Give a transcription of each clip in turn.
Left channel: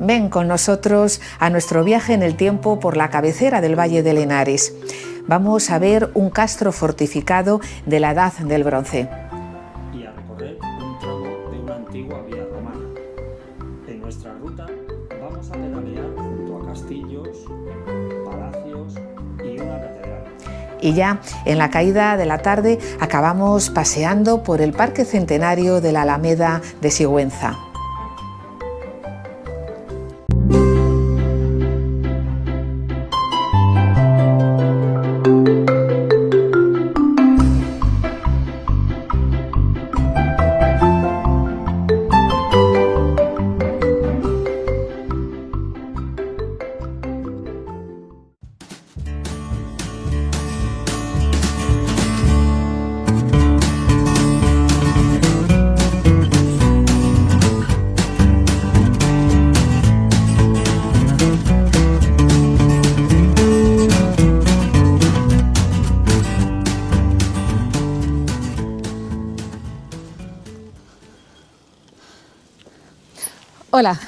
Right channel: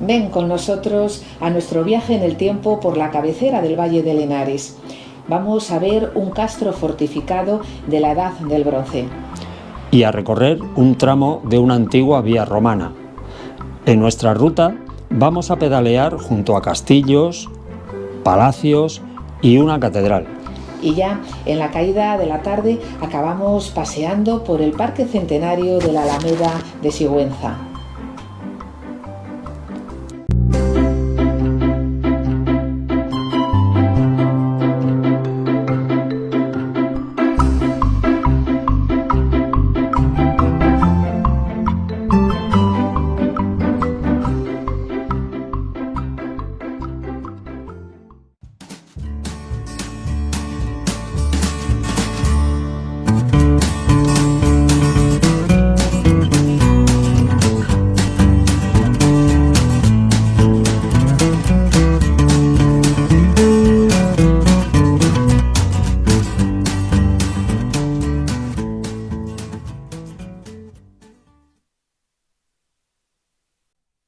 Ven con nosotros a nuestro viaje en el tiempo por la cabecera del Valle del Henares. Vamos a ver un castro fortificado de la Edad del Bronce. Y a recorrer un tramo de una antigua vía romana. En nuestra ruta vamos a pedalear junto a castillos, palacios y una catedral. Y ya en la caída de la tarde acabamos paseando por el Parque Centenario de la Alameda de Sigüenza. Hola,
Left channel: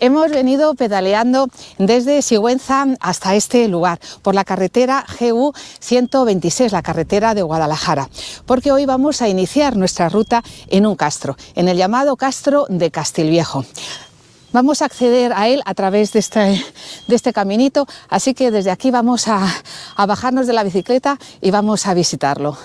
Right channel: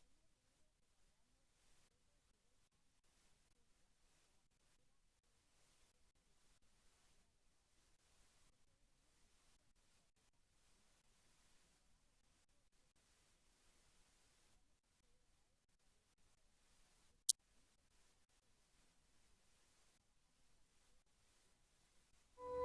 hemos venido pedaleando desde Sigüenza hasta este lugar, por la carretera GU 126, la carretera de Guadalajara, porque hoy vamos a iniciar nuestra ruta en un castro, en el llamado Castro de Castilviejo. Vamos a acceder a él a través de este caminito, así que desde aquí vamos a bajarnos de la bicicleta y vamos a visitarlo.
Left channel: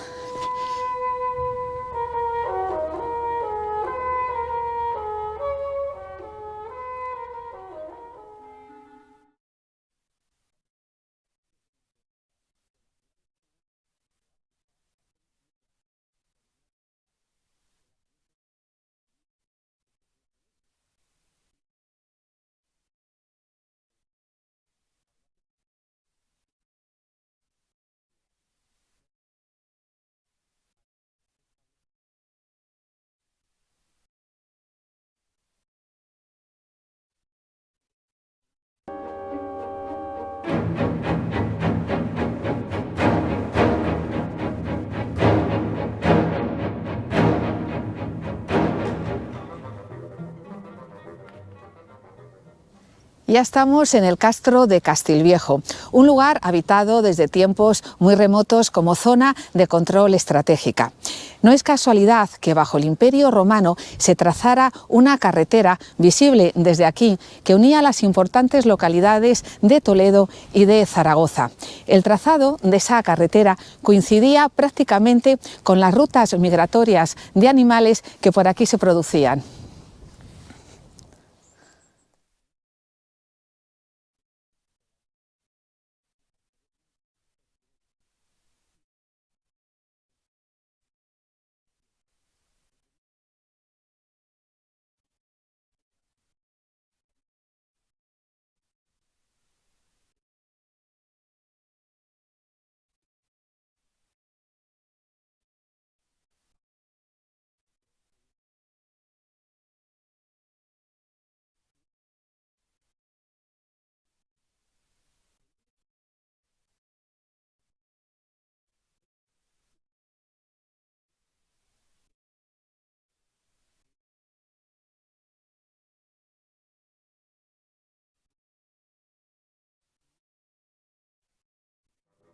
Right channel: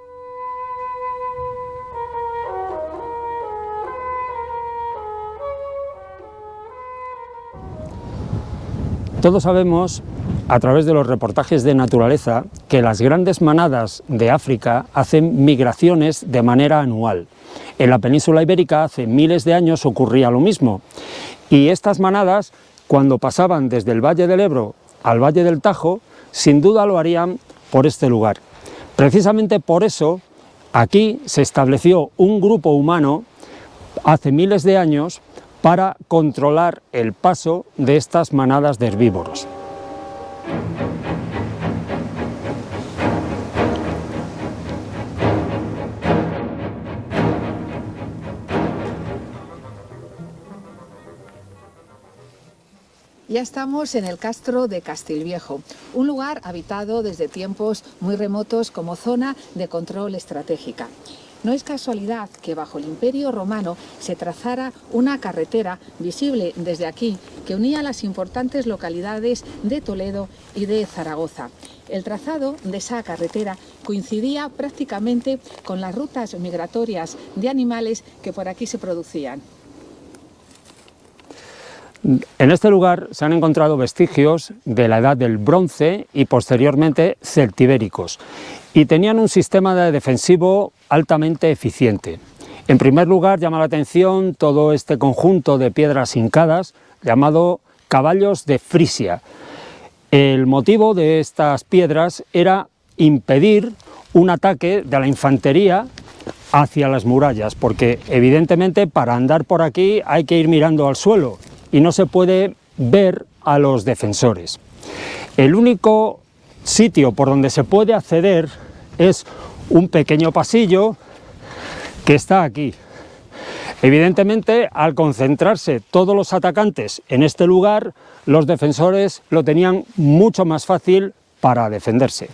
Todos sabemos, a través de los reportajes de naturaleza, que las grandes manadas de África hacen migraciones de manera anual. En la península ibérica hace miles de años ocurría lo mismo, y estas manadas, cuando pasaban desde el Valle del Ebro al Valle del Tajo, sin duda lo harían por este lugar. Precisamente por eso, aquí se estableció un grupo humano hace miles de años para controlar el paso de estas manadas de herbívoros. Ya estamos en el Castro de Castilviejo, un lugar habitado desde tiempos muy remotos como zona de control estratégica. No es casualidad que bajo el Imperio Romano se trazara una carretera visible desde aquí que unía las importantes localidades de Toledo y de Zaragoza. El trazado de esa carretera coincidía prácticamente con las rutas migratorias de animales que por aquí se producían. En este lugar se han encontrado vestigios de la Edad del Bronce y posteriormente celtibéricos, y tenían un sistema defensivo altamente eficiente. En primer lugar, llama la atención todo este conjunto de piedras hincadas llamado caballos de Frisia. El motivo de estas piedras era impedir un ataque de la infantería hacia las murallas, porque evidentemente para andar por aquí hay que ir mirando al suelo y no se puede ver a los defensores. El único sitio por donde se puede acceder es un pequeño pasillo que está aquí. Evidentemente, al concentrarse todos los atacantes en este lugar, los defensores lo tenían mucho más fácil para defenderse.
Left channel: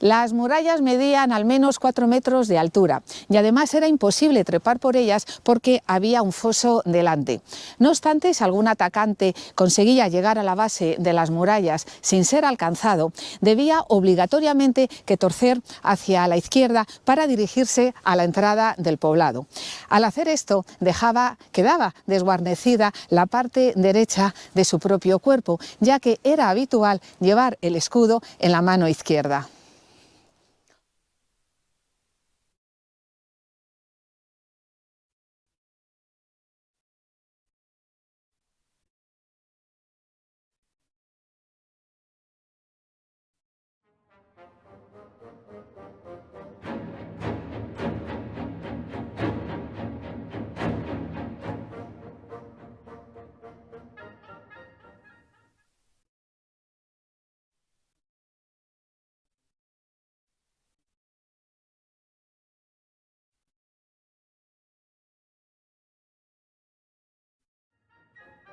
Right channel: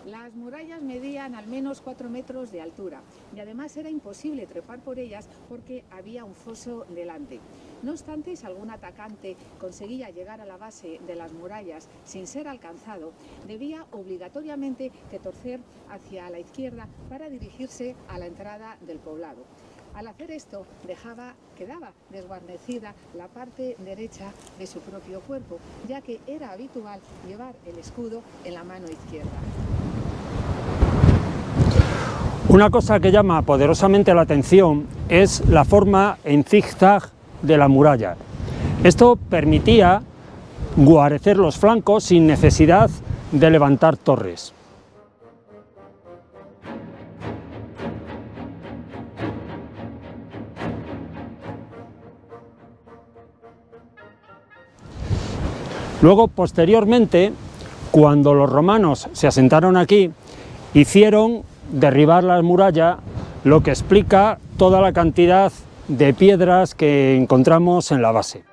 Las murallas medían al menos 4 metros de altura y además era imposible trepar por ellas porque había un foso delante. No obstante, si algún atacante conseguía llegar a la base de las murallas sin ser alcanzado, debía obligatoriamente que torcer hacia la izquierda para dirigirse a la entrada del poblado. Al hacer esto, quedaba desguarnecida la parte derecha de su propio cuerpo, ya que era habitual llevar el escudo en la mano izquierda. Una cosa que llama poderosamente la atención es la forma en zigzag de la muralla. Esto permitía guarecer los flancos sin necesidad de levantar torres. Luego, posteriormente, cuando los romanos se asentaron aquí, hicieron derribar la muralla, lo que explica toda la cantidad de piedras que encontramos en la base.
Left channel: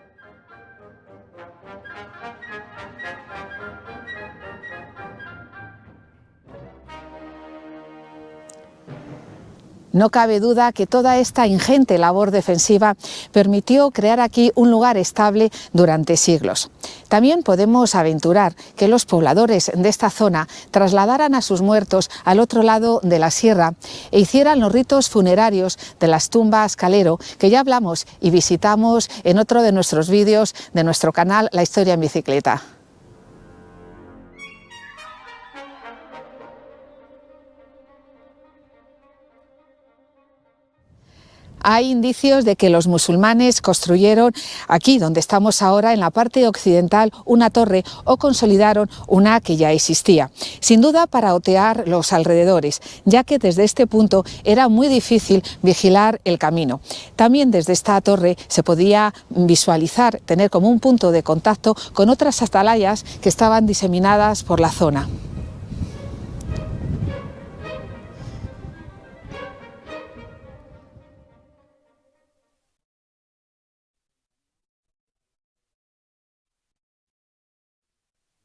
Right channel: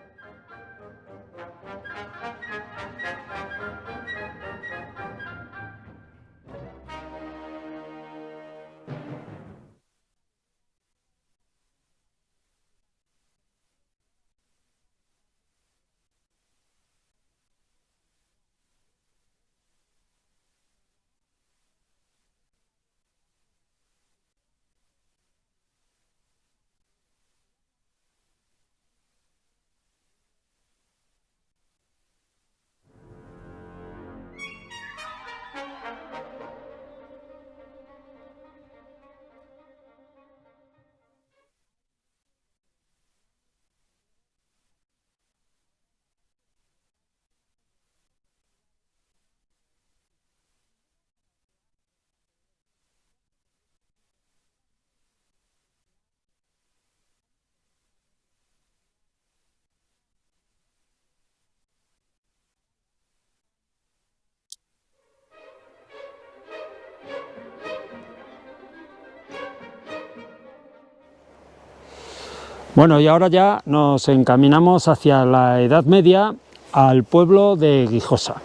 No cabe duda que toda esta ingente labor defensiva permitió crear aquí un lugar estable durante siglos. También podemos aventurar que los pobladores de esta zona trasladaran a sus muertos al otro lado de la sierra e hicieran los ritos funerarios de las tumbas Calero, que ya hablamos y visitamos en otro de nuestros vídeos de nuestro canal La Historia en Bicicleta. Hay indicios de que los musulmanes construyeron aquí, donde estamos ahora, en la parte occidental, una torre o consolidaron una que ya existía. Sin duda para otear los alrededores, ya que desde este punto era muy difícil vigilar el camino. También desde esta torre se podía visualizar, tener como un punto de contacto con otras atalayas que estaban diseminadas por la zona. Bueno, y ahora ya nos encaminamos hacia la Edad Media, al pueblo de Guijosa.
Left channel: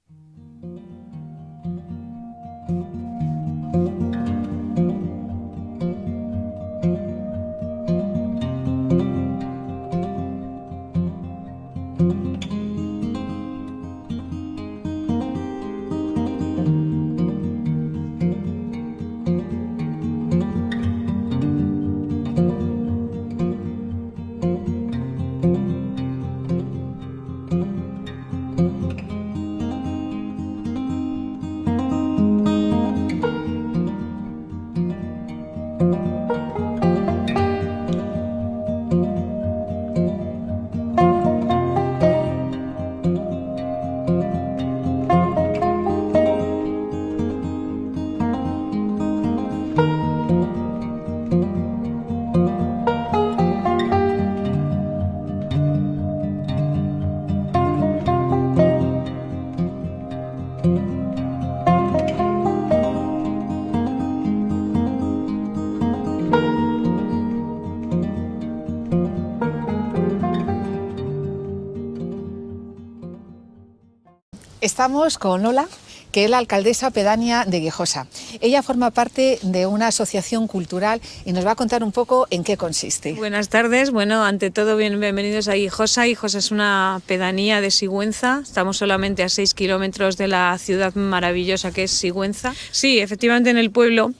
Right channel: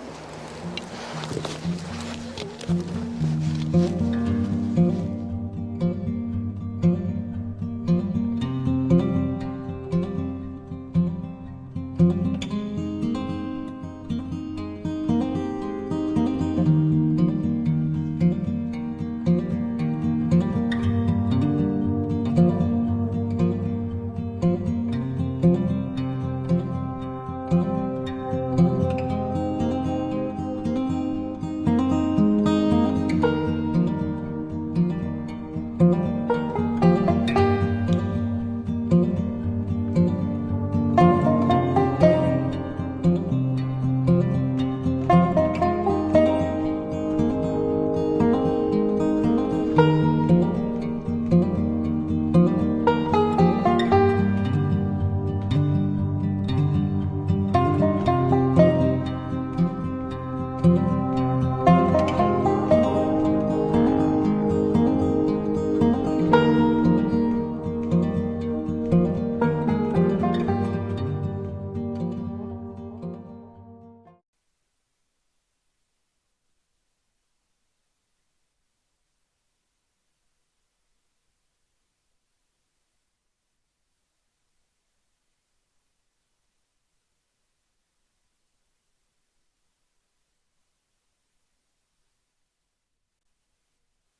Estamos con Lola, que es la alcaldesa pedánea de Guijosa. Ella forma parte de una asociación cultural y nos va a contar un poco en qué consiste. Buenas tardes. Bueno, ante todo, bienvenidos a Guijosa. Guijosa es una pedanía de Sigüenza. Estamos solamente a 6 kilómetros de la ciudad maravillosa que es Sigüenza. Sí, efectivamente, en el pueblo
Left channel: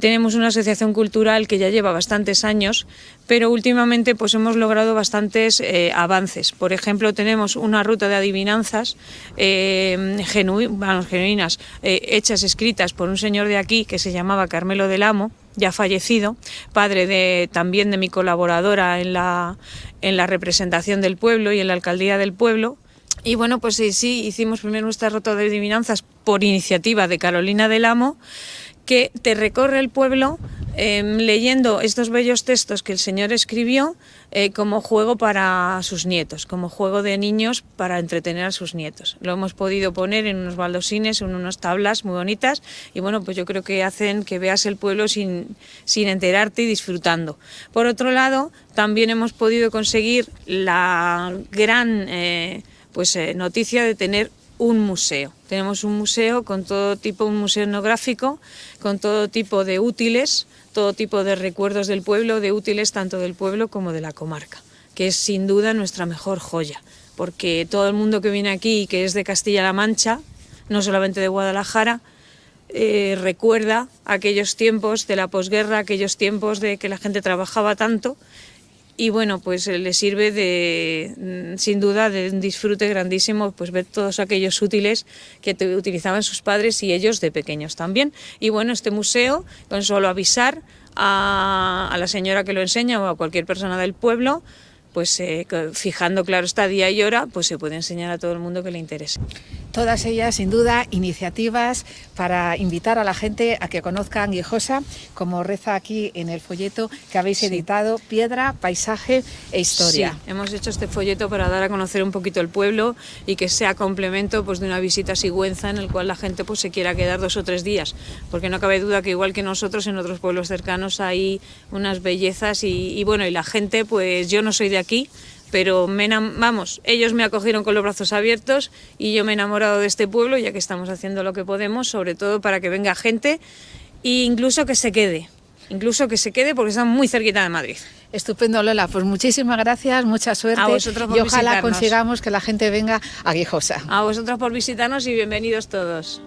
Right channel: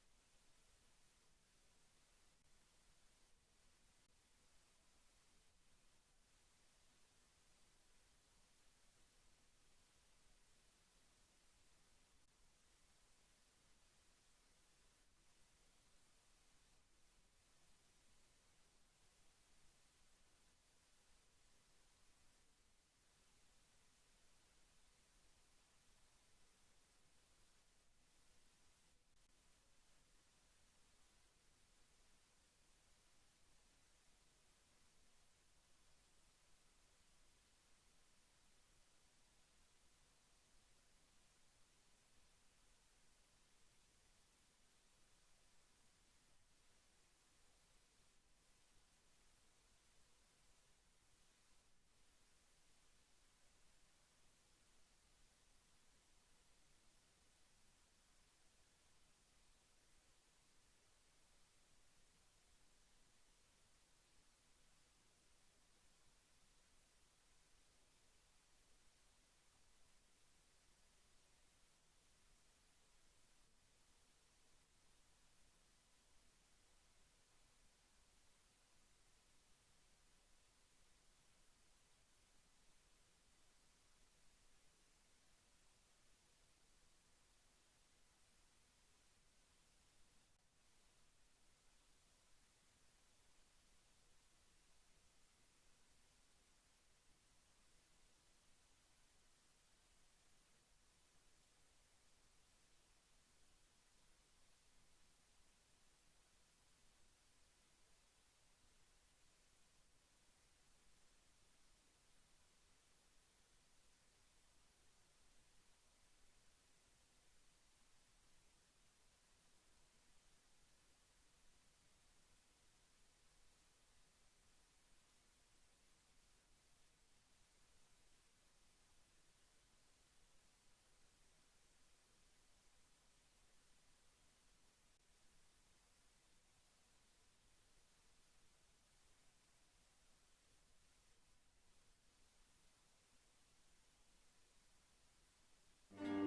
tenemos una asociación cultural que ya lleva bastantes años, pero últimamente pues hemos logrado bastantes avances. Por ejemplo, tenemos una ruta de adivinanzas genuinas, hechas, escritas por un señor de aquí que se llamaba Carmelo del Amo, ya fallecido, padre también de mi colaboradora en la representación del pueblo y en la alcaldía del pueblo. Y bueno, pues sí, hicimos primero nuestra ruta de adivinanzas por iniciativa de Carolina del Amo, que te recorre el pueblo leyendo estos bellos textos que el señor escribió como juego para sus nietos, como juego de niños para entretener a sus nietos. Lo hemos podido poner en unos baldosines, en unas tablas muy bonitas y bueno, pues yo creo que hacen que veas el pueblo sin enterarte y disfrutando. Por otro lado, también hemos podido conseguir la gran noticia de tener un museo. Tenemos un museo con todo tipo, un museo etnográfico, con todo tipo de útiles, todo tipo de recuerdos del pueblo, de útiles tanto del pueblo como de la comarca, que es sin duda nuestra mejor joya, porque todo el mundo que viene aquí y que es de Castilla-La Mancha, no solamente de Guadalajara, recuerda aquellos tiempos de la posguerra, aquellos tiempos de que la gente trabajaba tanto, y bueno, pues le sirve de, sin duda, de un disfrute grandísimo, pues ver todos aquellos útiles que utilizaban sus padres y ellos de pequeños también. Y bueno, este museo, con solo avisar a la señora que lo enseña o a cualquier persona del pueblo, pues fijando, claro, está día y hora, pues se puede enseñar a todo el mundo que le interese. Todas ellas, sin duda, iniciativas para invitar a la gente a que conozcan Guijosa, como reza aquí en el folleto que habéis editado, Piedra, Paisaje e Historia. Sí, hemos hecho este folleto para dar a conocer un poquito el pueblo y que sea complemento pues, de una visita a Sigüenza en el cual la gente pues, se quiera quedar 2 o 3 días, porque no cabe duda que igual que nosotros en otros pueblos cercanos hay unas bellezas y bueno, y la gente, pues yo no soy de aquí, pero ellos me acogieron con los brazos abiertos y yo me he enamorado de este pueblo, ya que estamos haciendo lo que podemos, sobre todo para que venga gente e incluso que se quede porque están muy cerquita de Madrid. Estupendo, Lola, pues muchísimas gracias, mucha suerte a vosotros por y ojalá visitarnos. consigamos que la gente venga a Guijosa. A vosotros por visitarnos y bienvenidos todos.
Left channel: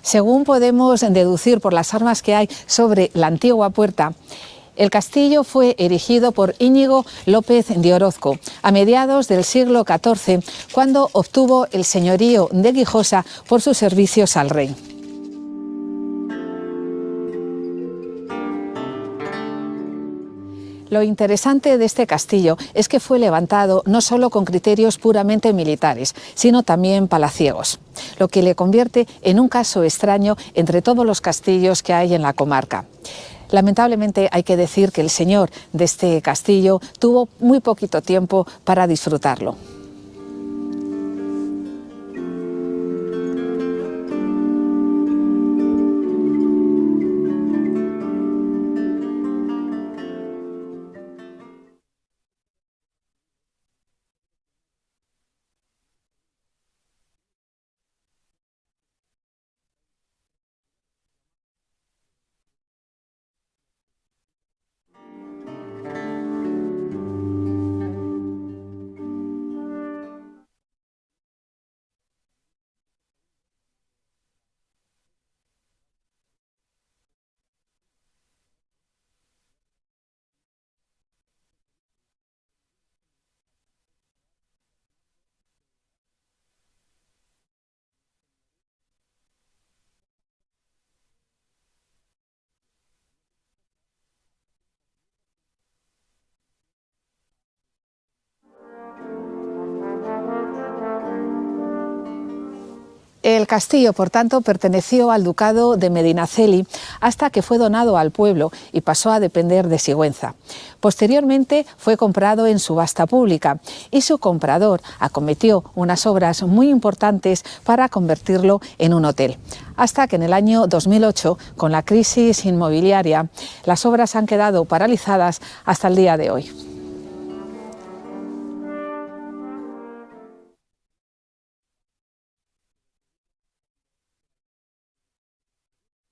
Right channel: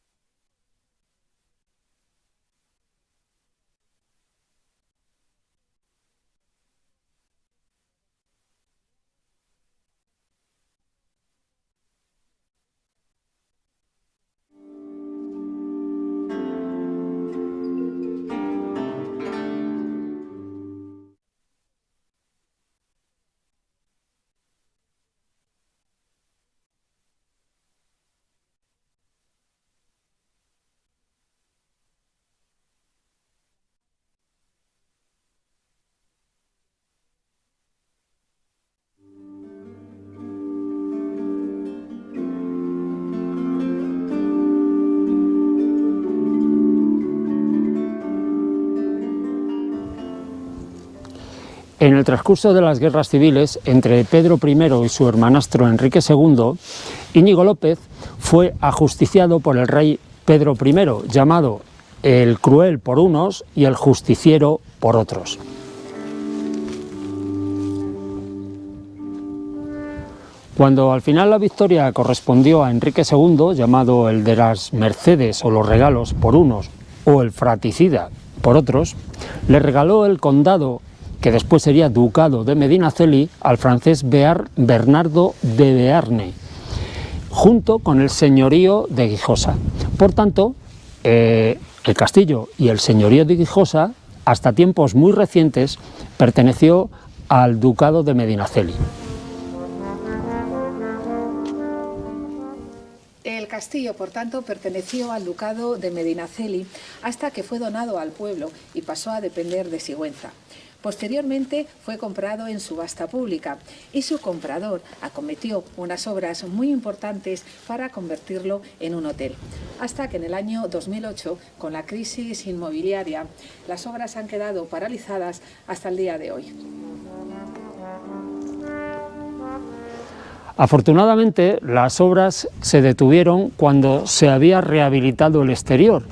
Según podemos deducir por las armas que hay sobre la antigua puerta, el castillo fue erigido por Íñigo López de Orozco a mediados del siglo XIV, cuando obtuvo el señorío de Guijosa por sus servicios al rey. Lo interesante de este castillo es que fue levantado no solo con criterios puramente militares, sino también palaciegos, lo que le convierte en un caso extraño entre todos los castillos que hay en la comarca. Lamentablemente hay que decir que el señor de este castillo tuvo muy poquito tiempo para disfrutarlo. En el transcurso de las guerras civiles entre Pedro I y su hermanastro Enrique II, Íñigo López fue ajusticiado por el rey Pedro I, llamado el Cruel por unos y el Justiciero por otros. Cuando al final la victoria correspondió a Enrique II, llamado el de las Mercedes o los regalos por unos o el fratricida por otros, le regaló el condado, que después sería ducado de Medinaceli, al francés Bernardo de Bearne, junto con el señorío de Guijosa. Por tanto, el castillo y el señorío de Guijosa, hasta tiempos muy recientes, perteneció al ducado de Medinaceli. El castillo, por tanto, perteneció al ducado de Medinaceli hasta que fue donado al pueblo y pasó a depender de Sigüenza. Posteriormente fue comprado en subasta pública y su comprador acometió unas obras muy importantes para convertirlo en un hotel. Hasta que en el año 2008, con la crisis inmobiliaria, las obras han quedado paralizadas hasta el día de hoy. Afortunadamente, las obras se detuvieron cuando se había rehabilitado el exterior,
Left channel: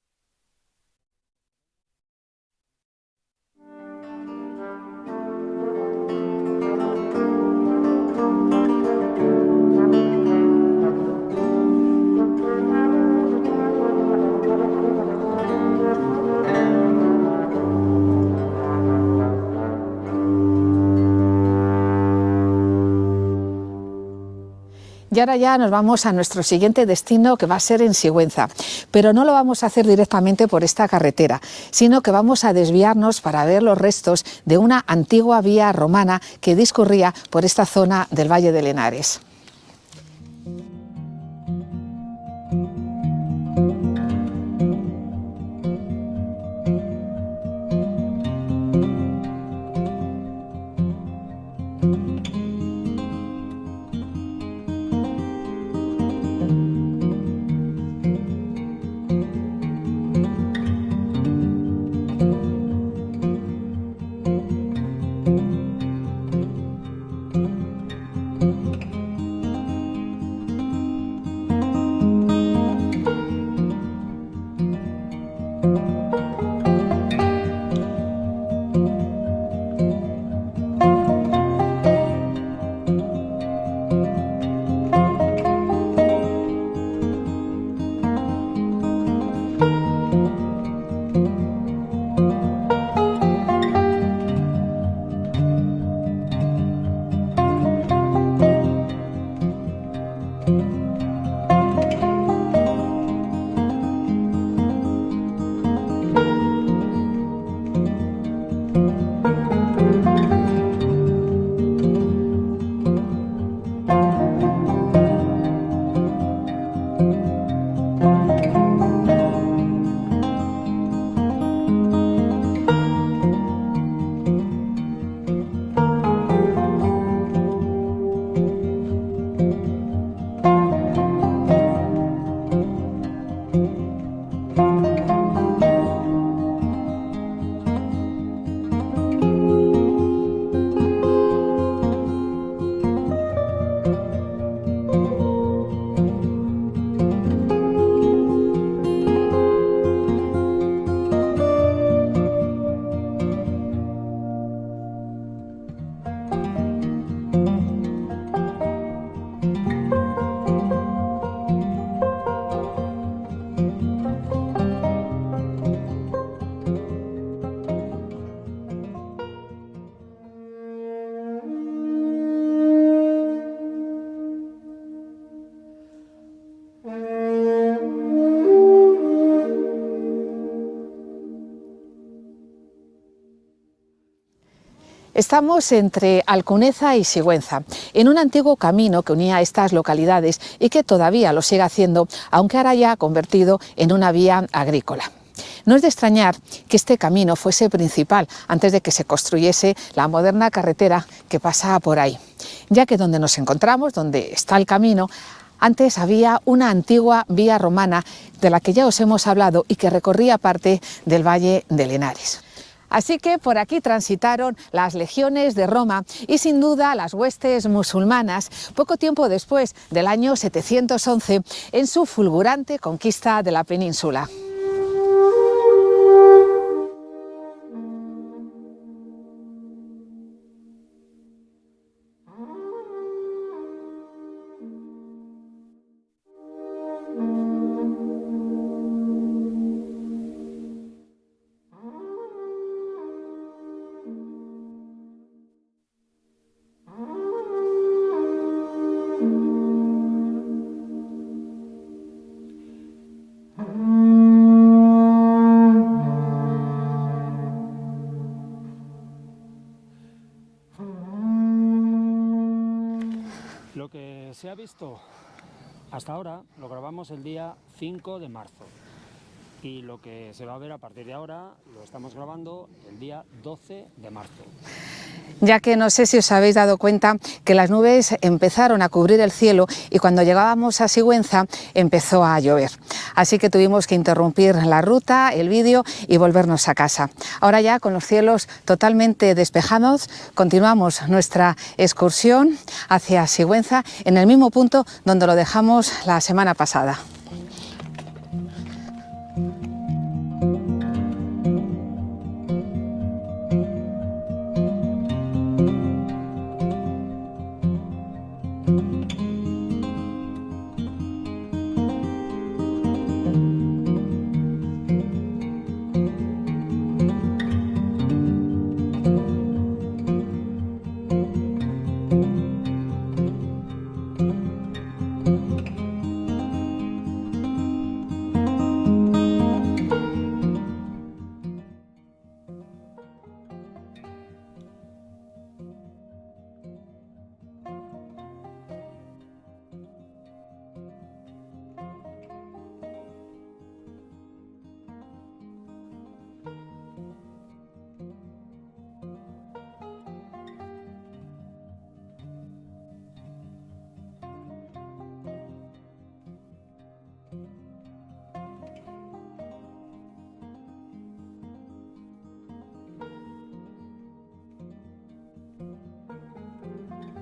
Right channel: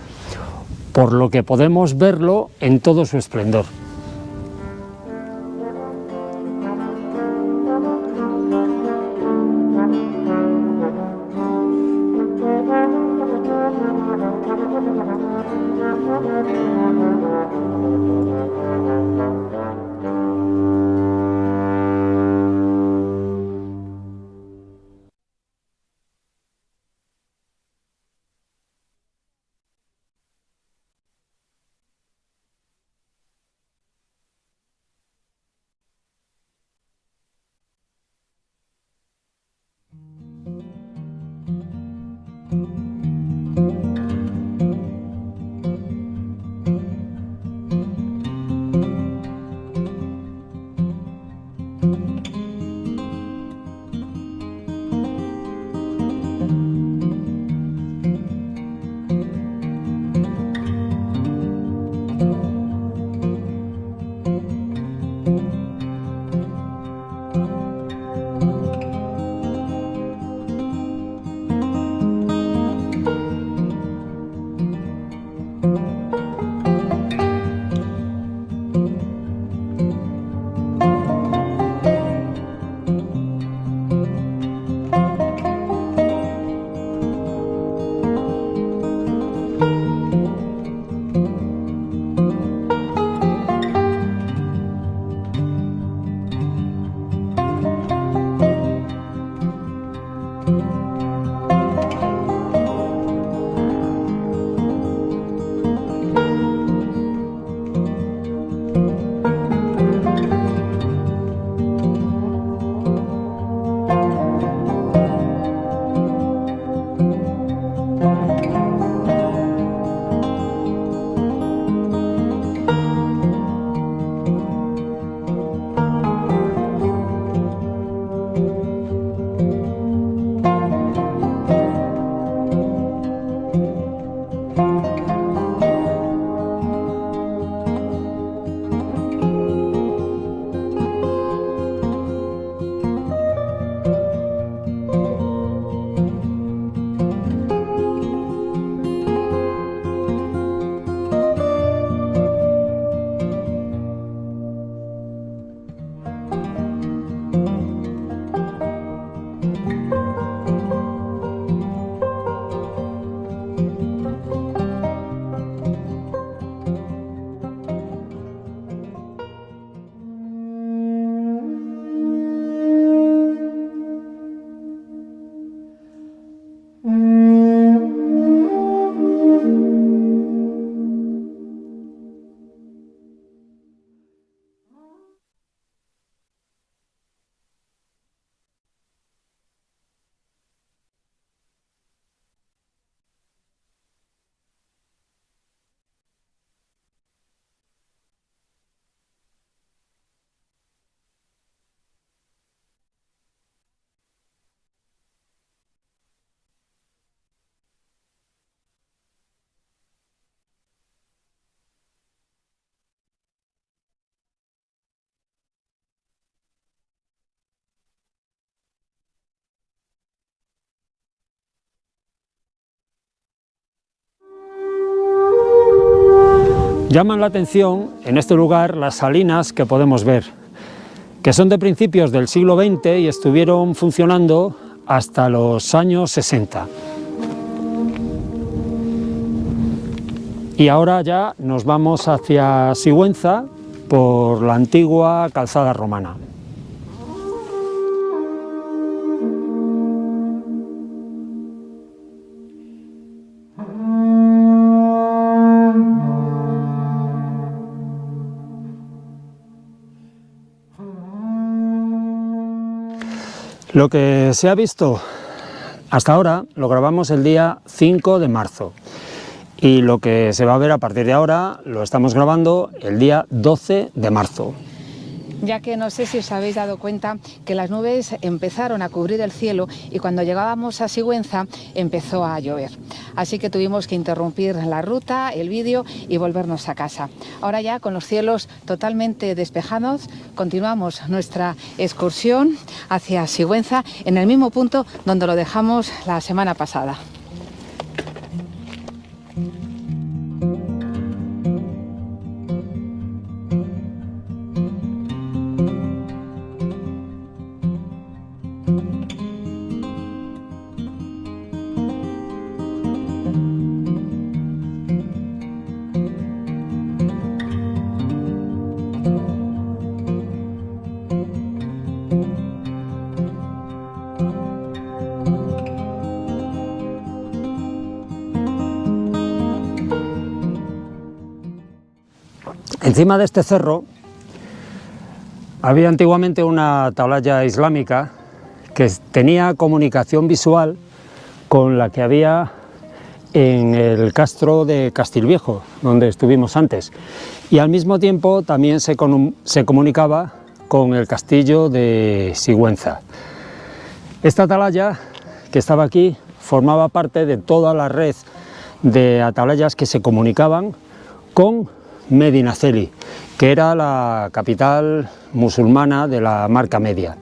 por lo que podemos verlo en todo su esplendor. Y ahora ya nos vamos a nuestro siguiente destino, que va a ser en Sigüenza. Pero no lo vamos a hacer directamente por esta carretera, sino que vamos a desviarnos para ver los restos de una antigua vía romana que discurría por esta zona del Valle del Henares. Estamos entre Alcuneza y Sigüenza, en un antiguo camino que unía estas localidades y que todavía lo sigue haciendo, aunque ahora ya ha convertido en una vía agrícola. No es de extrañar que este camino fuese principal antes de que se construyese la moderna carretera que pasa por ahí, ya que donde nos encontramos, donde está el camino, antes había una antigua vía romana de la que ya os hemos hablado y que recorría parte del Valle del Henares. Así que por aquí transitaron las legiones de Roma y sin duda las huestes musulmanas poco tiempo después del año 711 en su fulgurante conquista de la península. Llaman la atención en este lugar las salinas que podemos ver, que son de principios del siglo XX y estuvieron funcionando hasta los años 60. Y ahora ya nos vamos hacia Sigüenza por la antigua calzada romana. Lo que se ha visto hasta ahora lo grabamos el día 5 de marzo. Y lo que se va a ver a partir de ahora lo estamos grabando el día 12 de marzo. Ya que no sé si os habéis dado cuenta que las nubes empezaron a cubrir el cielo y cuando llegábamos a Sigüenza empezó a llover. Así que tuvimos que interrumpir la ruta, el vídeo y volvernos a casa. Ahora ya con los cielos totalmente despejados continuamos nuestra excursión hacia Sigüenza en el mismo punto donde lo dejamos la semana pasada. Encima de este cerro había antiguamente una atalaya islámica que tenía comunicación visual con la que había en el castro de Castilviejo, donde estuvimos antes, y al mismo tiempo también se comunicaba con el castillo de Sigüenza. Esta atalaya que estaba aquí formaba parte de toda la red de atalayas que se comunicaban con Medinaceli, que era la capital musulmana de la Marca Media.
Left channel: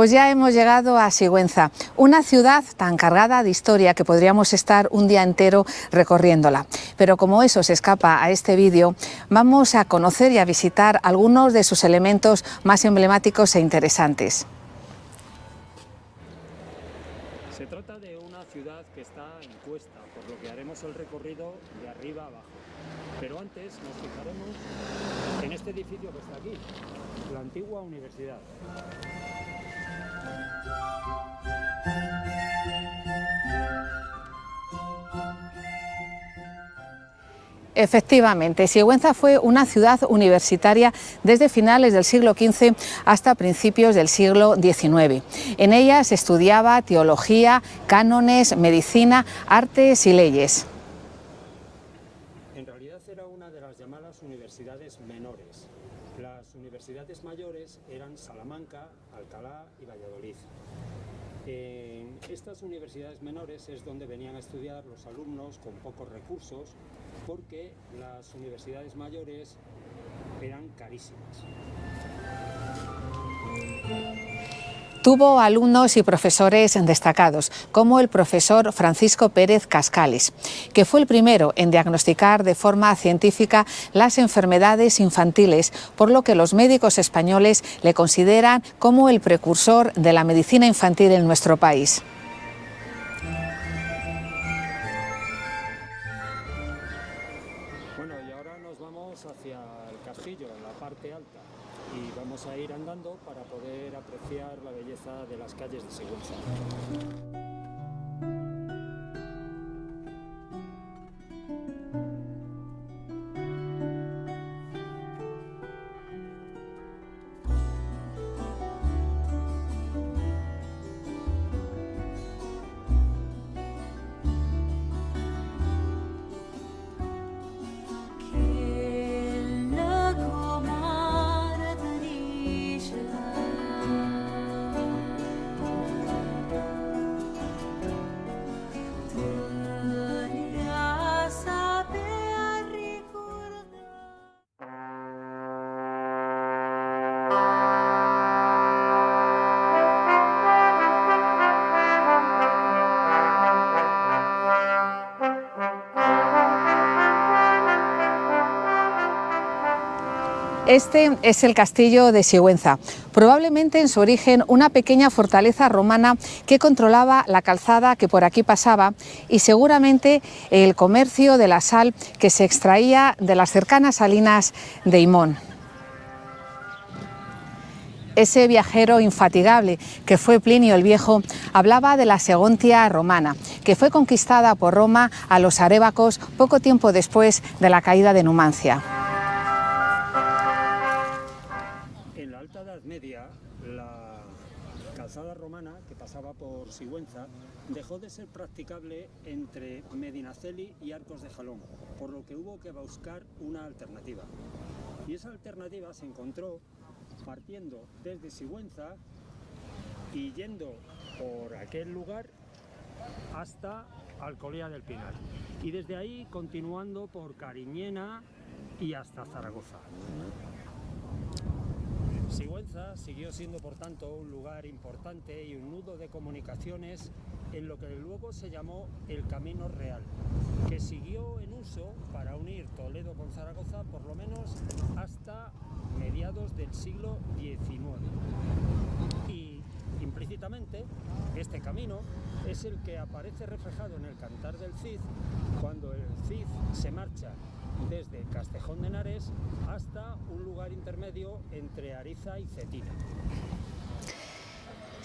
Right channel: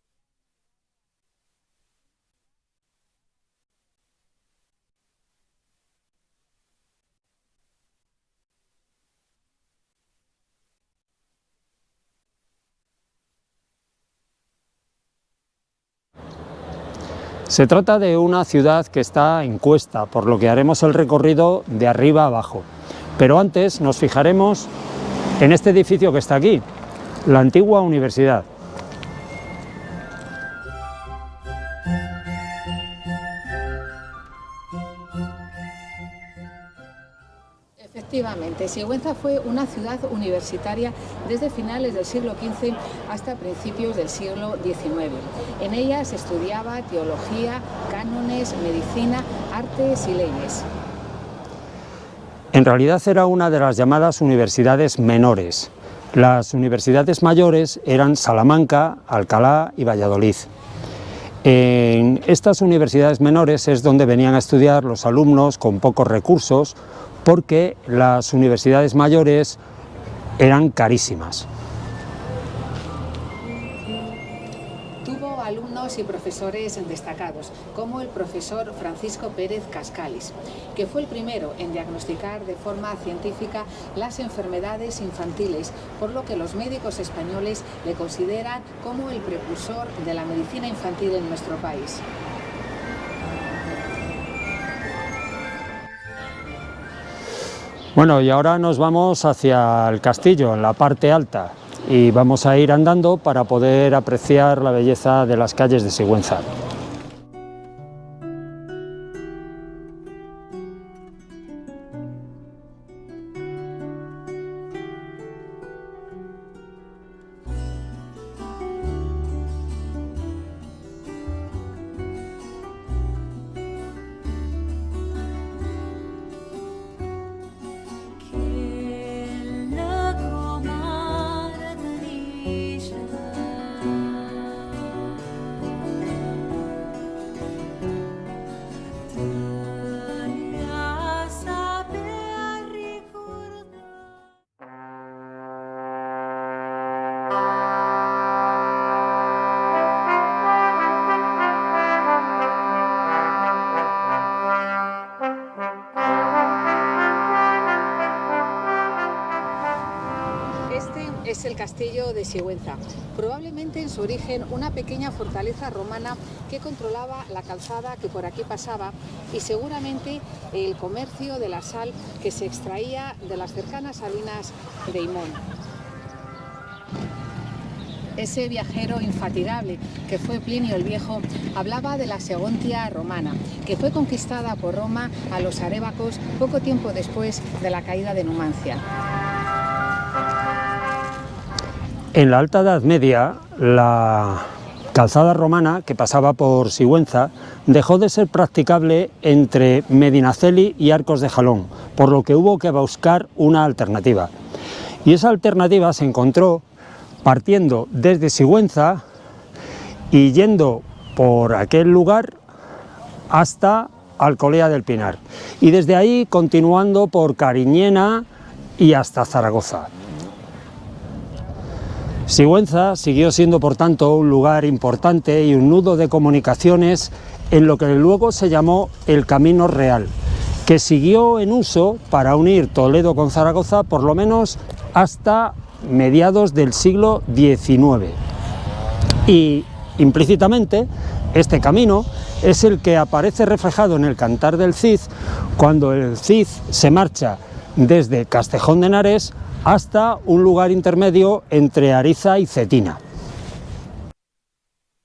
Pues ya hemos llegado a Sigüenza, una ciudad tan cargada de historia que podríamos estar un día entero recorriéndola. Pero como eso se escapa a este vídeo, vamos a conocer y a visitar algunos de sus elementos más emblemáticos e interesantes. Se trata de una ciudad que está en cuesta, por lo que haremos el recorrido de arriba a abajo. Pero antes nos fijaremos en este edificio que está aquí, la antigua universidad. Efectivamente, Sigüenza fue una ciudad universitaria desde finales del siglo XV hasta principios del siglo XIX. En ella se estudiaba teología, cánones, medicina, artes y leyes. En realidad era una de las llamadas universidades menores. Las universidades mayores eran Salamanca, Alcalá y Valladolid. En estas universidades menores es donde venían a estudiar los alumnos con pocos recursos, porque las universidades mayores eran carísimas. Tuvo alumnos y profesores destacados, como el profesor Francisco Pérez Cascales, que fue el primero en diagnosticar de forma científica las enfermedades infantiles, por lo que los médicos españoles le consideran como el precursor de la medicina infantil en nuestro país. Bueno, y ahora nos vamos hacia el castillo, en la parte alta, y vamos a ir andando para poder apreciar la belleza de las calles de Sigüenza. Este es el castillo de Sigüenza, probablemente en su origen una pequeña fortaleza romana que controlaba la calzada que por aquí pasaba y seguramente el comercio de la sal que se extraía de las cercanas salinas de Himón. Ese viajero infatigable que fue Plinio el Viejo hablaba de la Segontia romana, que fue conquistada por Roma a los arévacos poco tiempo después de la caída de Numancia. En la Alta Edad Media, la calzada romana que pasaba por Sigüenza dejó de ser practicable entre Medinaceli y Arcos de Jalón, por lo que hubo que buscar una alternativa. Y esa alternativa se encontró partiendo desde Sigüenza y yendo por aquel lugar hasta Alcolea del Pinar, y desde ahí continuando por Cariñena y hasta Zaragoza. Sigüenza siguió siendo, por tanto, un lugar importante y un nudo de comunicaciones en lo que luego se llamó el Camino Real, que siguió en uso para unir Toledo con Zaragoza por lo menos hasta mediados del siglo XIX. Y implícitamente este camino es el que aparece reflejado en el Cantar del Cid, cuando el Cid se marcha desde Castejón de Henares hasta un lugar intermedio entre Ariza y Cetina.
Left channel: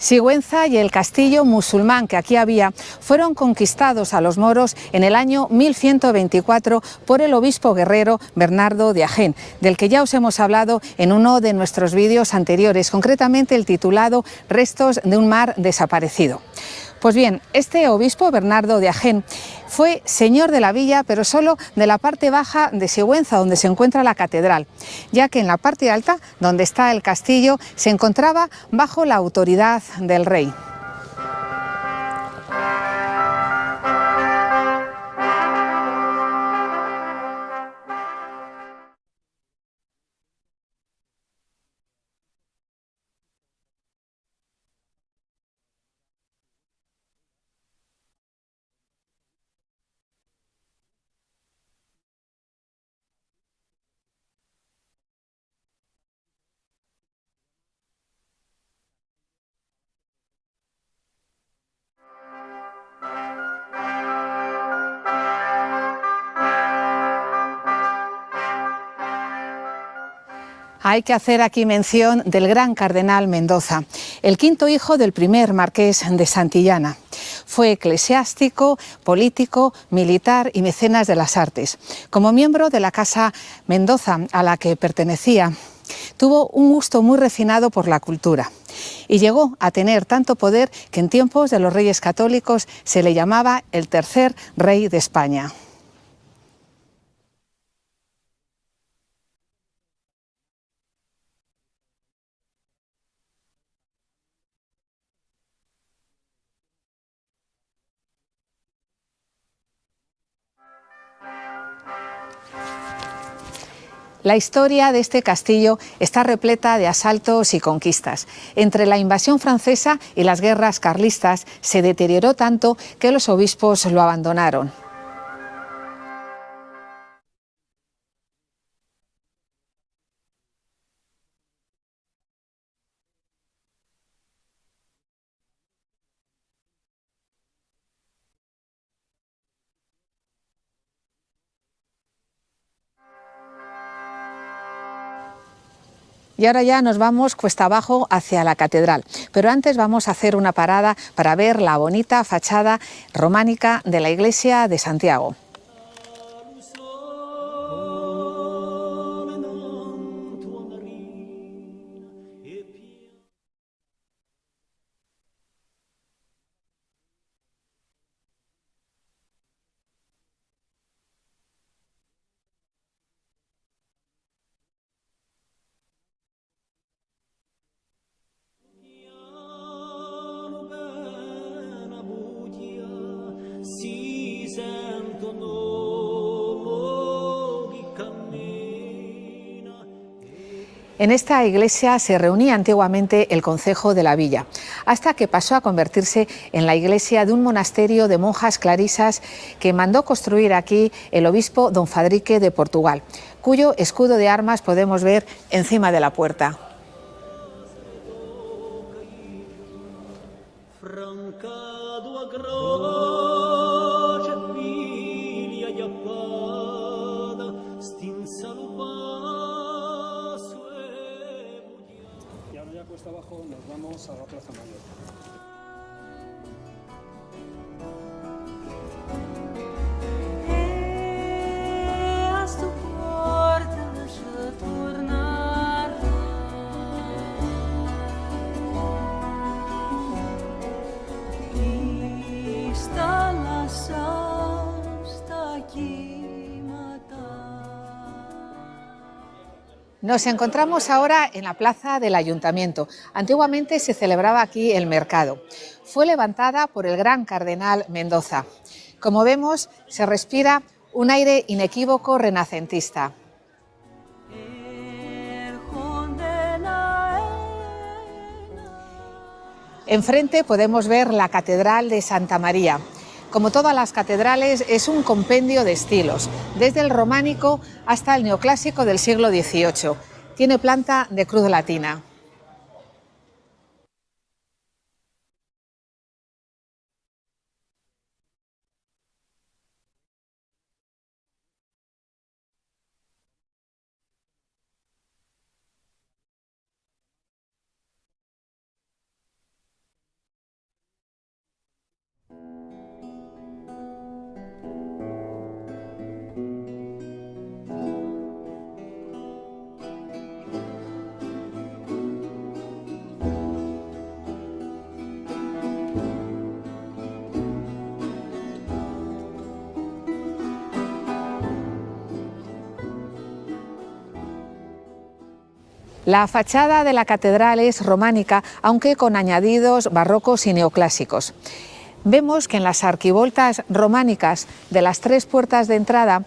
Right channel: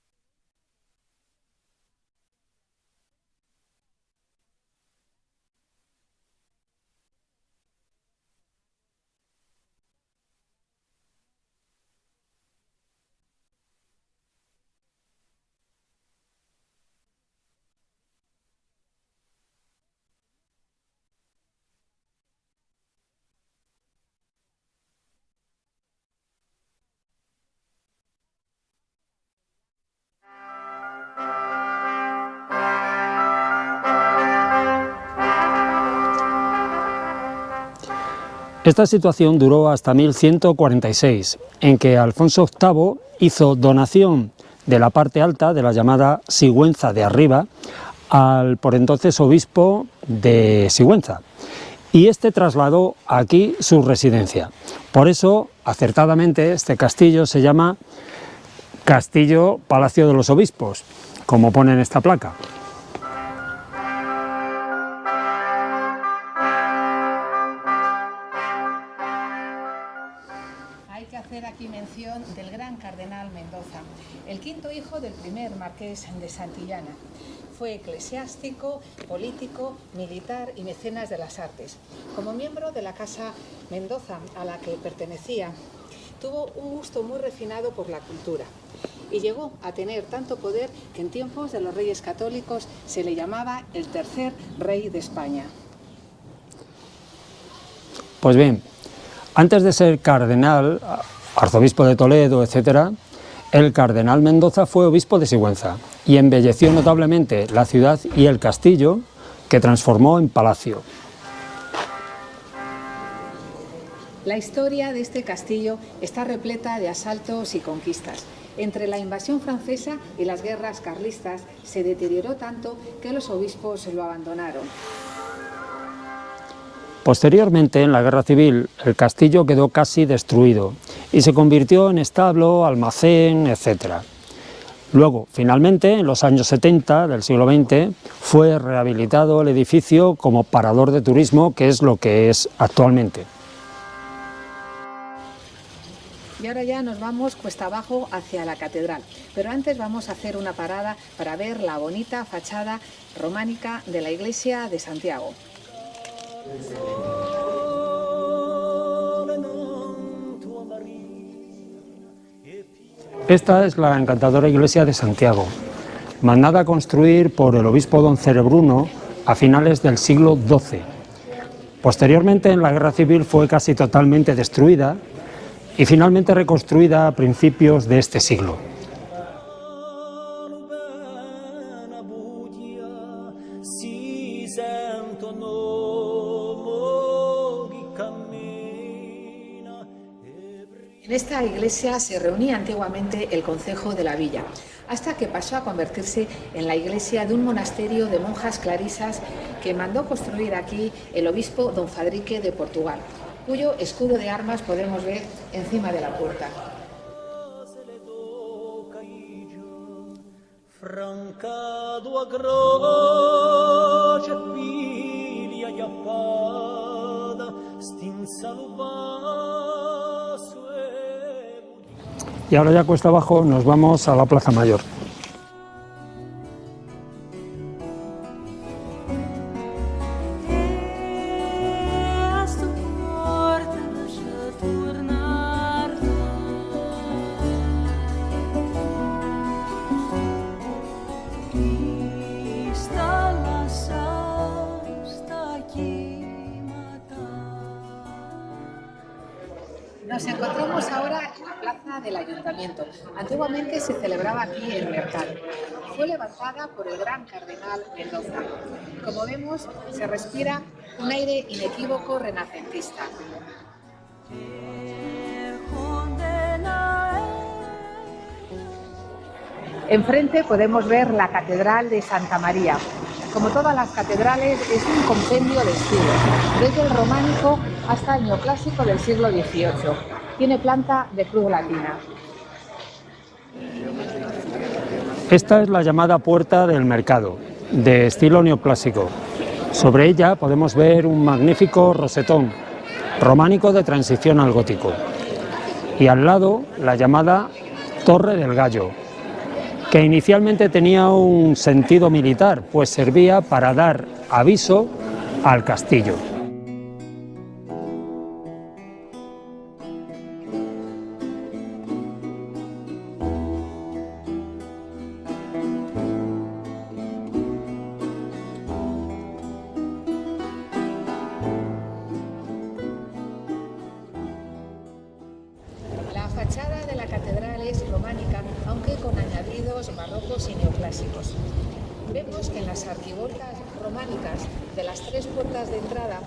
Sigüenza y el castillo musulmán que aquí había fueron conquistados a los moros en el año 1124 por el obispo guerrero Bernardo de Agén, del que ya os hemos hablado en uno de nuestros vídeos anteriores, concretamente el titulado Restos de un mar desaparecido. Pues bien, este obispo, Bernardo de Agén, fue señor de la villa, pero solo de la parte baja de Sigüenza, donde se encuentra la catedral, ya que en la parte alta, donde está el castillo, se encontraba bajo la autoridad del rey. Esta situación duró hasta 1146, en que Alfonso VIII hizo donación de la parte alta de la llamada Sigüenza de arriba al por entonces obispo de Sigüenza, y este trasladó aquí su residencia. Por eso, acertadamente, este castillo se llama Castillo Palacio de los Obispos, como pone en esta placa. Hay que hacer aquí mención del gran cardenal Mendoza, el quinto hijo del primer marqués de Santillana. Fue eclesiástico, político, militar y mecenas de las artes. Como miembro de la Casa Mendoza, a la que pertenecía, tuvo un gusto muy refinado por la cultura y llegó a tener tanto poder que en tiempos de los reyes católicos se le llamaba el tercer rey de España. Pues bien, antes de ser cardenal, arzobispo de Toledo, etc., el cardenal Mendoza fue obispo de Sigüenza y embelleció notablemente la ciudad y el castillo, que transformó en palacio. La historia de este castillo está repleta de asaltos y conquistas. Entre la invasión francesa y las guerras carlistas se deterioró tanto que los obispos lo abandonaron. Posteriormente, en la Guerra Civil, el castillo quedó casi destruido y se convirtió en establo, almacén, etc. Luego, finalmente, en los años 70 del siglo XX, fue rehabilitado el edificio como parador de turismo, que es lo que es actualmente. Y ahora ya nos vamos cuesta abajo hacia la catedral, pero antes vamos a hacer una parada para ver la bonita fachada románica de la iglesia de Santiago. Esta es la encantadora iglesia de Santiago, mandada a construir por el obispo don Cerebruno a finales del siglo XII. Posteriormente, en la Guerra Civil, fue casi totalmente destruida y finalmente reconstruida a principios de este siglo. En esta iglesia se reunía antiguamente el concejo de la villa, hasta que pasó a convertirse en la iglesia de un monasterio de monjas clarisas que mandó construir aquí el obispo don Fadrique de Portugal, cuyo escudo de armas podemos ver encima de la puerta. Y ahora ya cuesta abajo nos vamos a la Plaza Mayor. Nos encontramos ahora en la plaza del Ayuntamiento. Antiguamente se celebraba aquí el mercado. Fue levantada por el gran cardenal Mendoza. Como vemos, se respira un aire inequívoco renacentista. Enfrente podemos ver la Catedral de Santa María. Como todas las catedrales, es un compendio de estilos, desde el románico hasta el neoclásico del siglo XVIII. Tiene planta de cruz latina. Esta es la llamada Puerta del Mercado, de estilo neoclásico. Sobre ella podemos ver un magnífico rosetón, románico de transición al gótico. Y al lado, la llamada Torre del Gallo, que inicialmente tenía un sentido militar, pues servía para dar aviso al castillo. La fachada de la catedral es románica, aunque con añadidos barrocos y neoclásicos. Vemos que en las arquivoltas románicas de las 3 puertas de entrada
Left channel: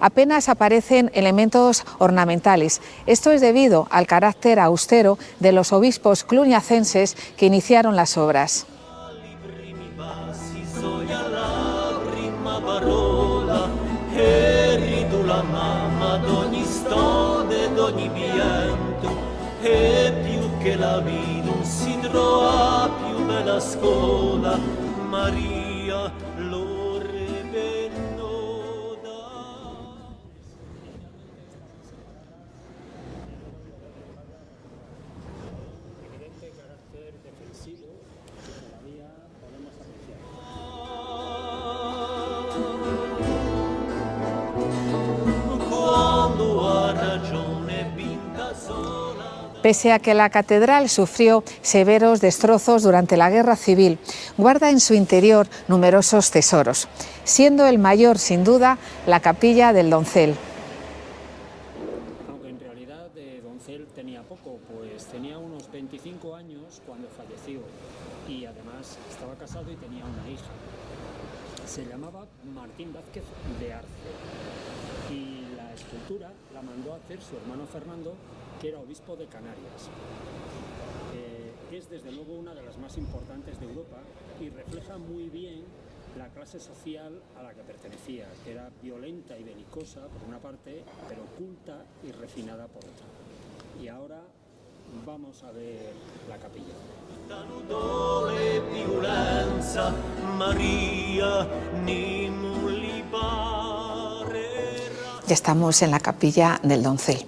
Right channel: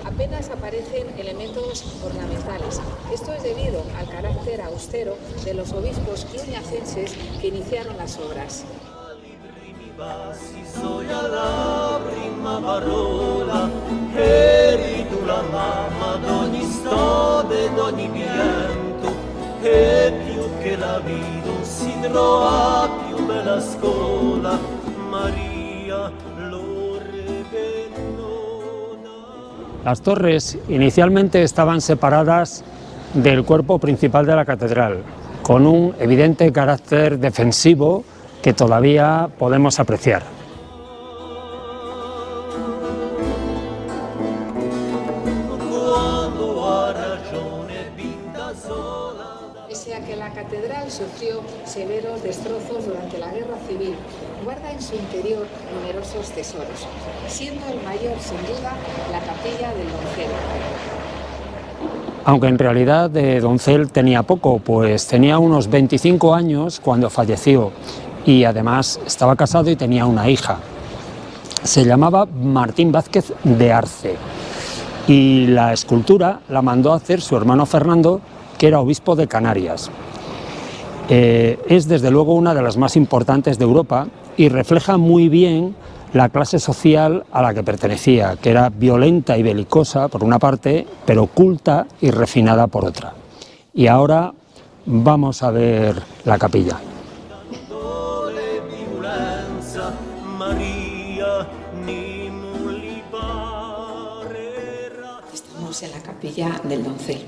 apenas aparecen elementos ornamentales. Esto es debido al carácter austero de los obispos cluniacenses que iniciaron las obras. Las torres inicialmente estaban separadas del cuerpo principal de la catedral, con un evidente carácter defensivo que todavía podemos apreciar. Pese a que la catedral sufrió severos destrozos durante la Guerra Civil, guarda en su interior numerosos tesoros, siendo el mayor, sin duda, la capilla del Doncel. Aunque en realidad de Doncel tenía poco, pues tenía unos 25 años cuando falleció y además estaba casado y tenía una hija. Se llamaba Martín Vázquez de Arce y la escultura la mandó a hacer su hermano Fernando, que era obispo de Canarias. Es desde luego una de las más importantes de Europa y refleja muy bien la clase social a la que pertenecía, que era violenta y belicosa por una parte, pero culta y refinada por otra. Y ahora vamos a ver la capilla. Ya estamos en la capilla del Doncel.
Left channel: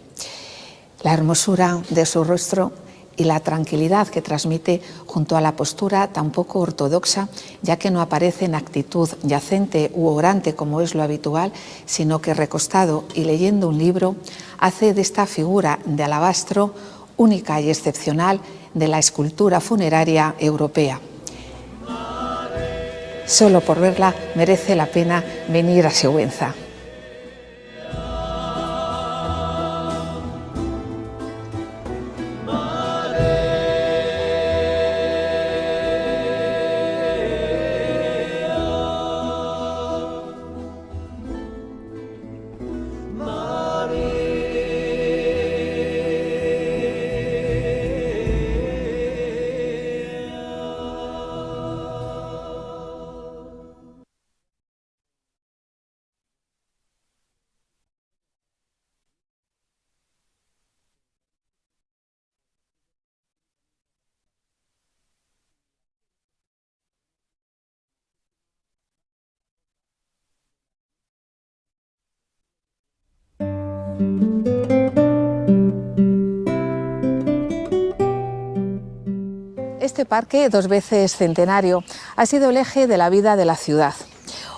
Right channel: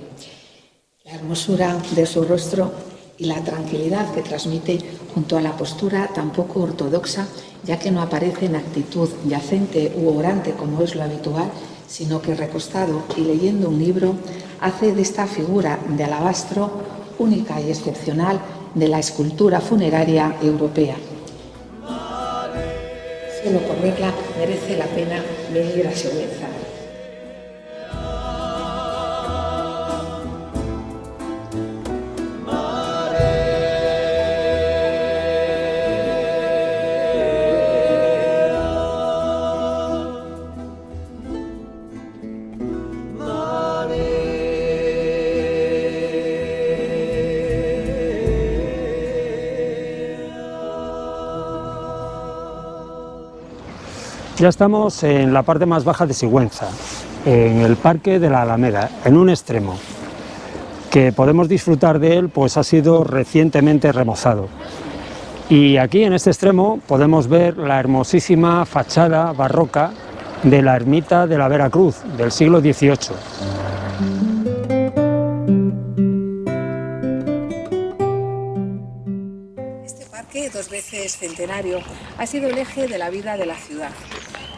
La hermosura de su rostro y la tranquilidad que transmite junto a la postura tan poco ortodoxa, ya que no aparece en actitud yacente u orante como es lo habitual, sino que recostado y leyendo un libro, hace de esta figura de alabastro única y excepcional de la escultura funeraria europea. Solo por verla merece la pena venir a Sigüenza. Ya estamos en la parte más baja de Sigüenza, en el Parque de la Alameda, en un extremo, que podemos disfrutar de él, pues ha sido recientemente remozado. Y aquí en este extremo podemos ver la hermosísima fachada barroca de la ermita de la Veracruz del siglo XVIII. Este parque, 2 veces centenario, ha sido el eje de la vida de la ciudad.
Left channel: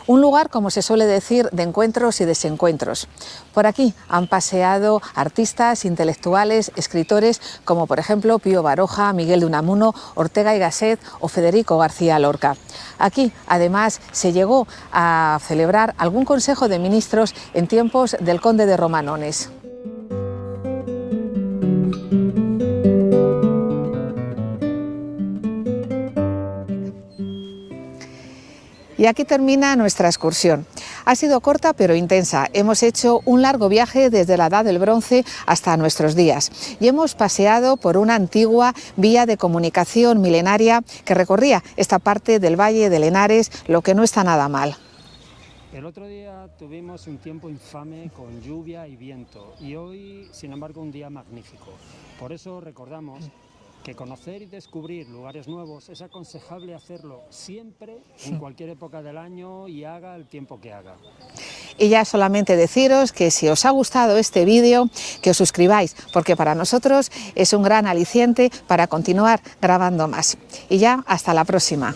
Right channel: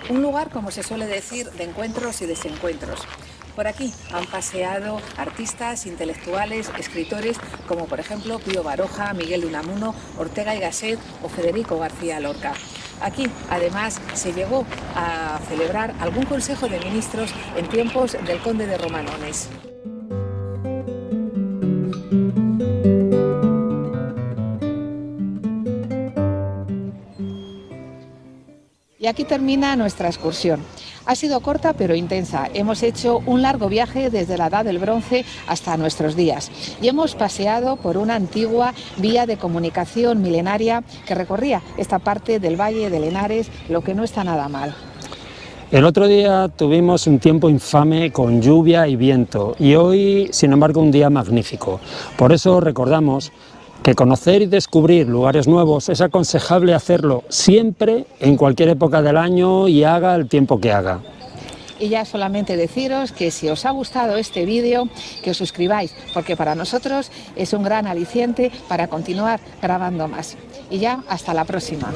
Un lugar, como se suele decir, de encuentros y desencuentros. Por aquí han paseado artistas, intelectuales, escritores, como por ejemplo Pío Baroja, Miguel de Unamuno, Ortega y Gasset o Federico García Lorca. Aquí, además, se llegó a celebrar algún consejo de ministros en tiempos del conde de Romanones. Y aquí termina nuestra excursión. Ha sido corta pero intensa. Hemos hecho un largo viaje desde la Edad del Bronce hasta nuestros días y hemos paseado por una antigua vía de comunicación milenaria que recorría esta parte del Valle del Henares, lo que no está nada mal. El otro día tuvimos un tiempo infame con lluvia y viento y hoy, sin embargo, un día magnífico. Por eso recordamos que conocer y descubrir lugares nuevos es aconsejable hacerlo siempre, en cualquier época del año y haga el tiempo que haga. Y ya solamente deciros que si os ha gustado este vídeo, que os suscribáis, porque para nosotros es un gran aliciente para continuar grabando más. Y ya, hasta la próxima.